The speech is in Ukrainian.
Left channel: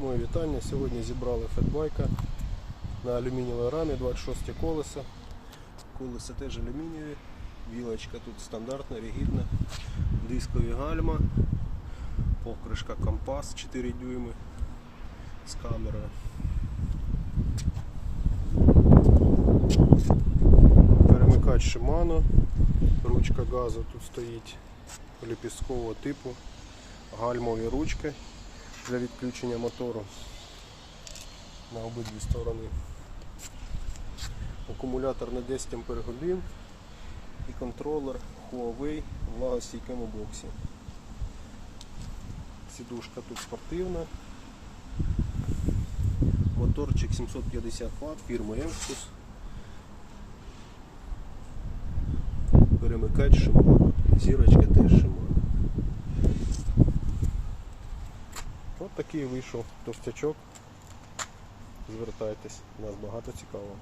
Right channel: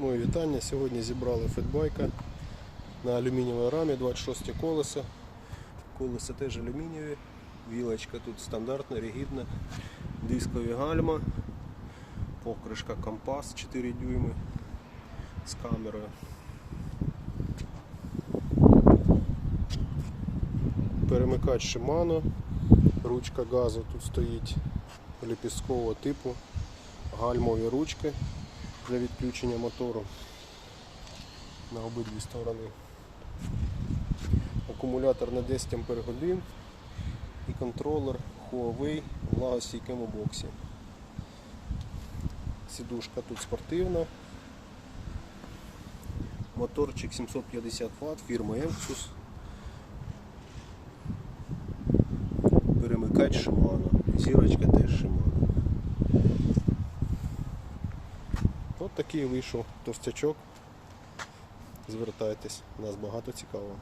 Моє вітання. Сьогодні зібрали фетбайка на алюмінієвій рамі 26 колеса. Колеса теж алюмінієві. Вілочка тут стандартна, ригідна. Дискові гальма. Покришка компас 4 дюйми з камерою. Перемикач Shimano. Ручка газу тут стоїть ліпісткового типу. Гальмові ручки для відключення мотору на обидві сторони. Акумулятор на 10 Ах і контролер Huawei в влагостійкому боксі. Сідушка тут спортивна. Моторчик 750 Вт, фірма Emxus. Перемикач Shimano. Зірочка теж Shimano. От такий вийшов товстячок. Звертайтесь, у нас багато цікавого.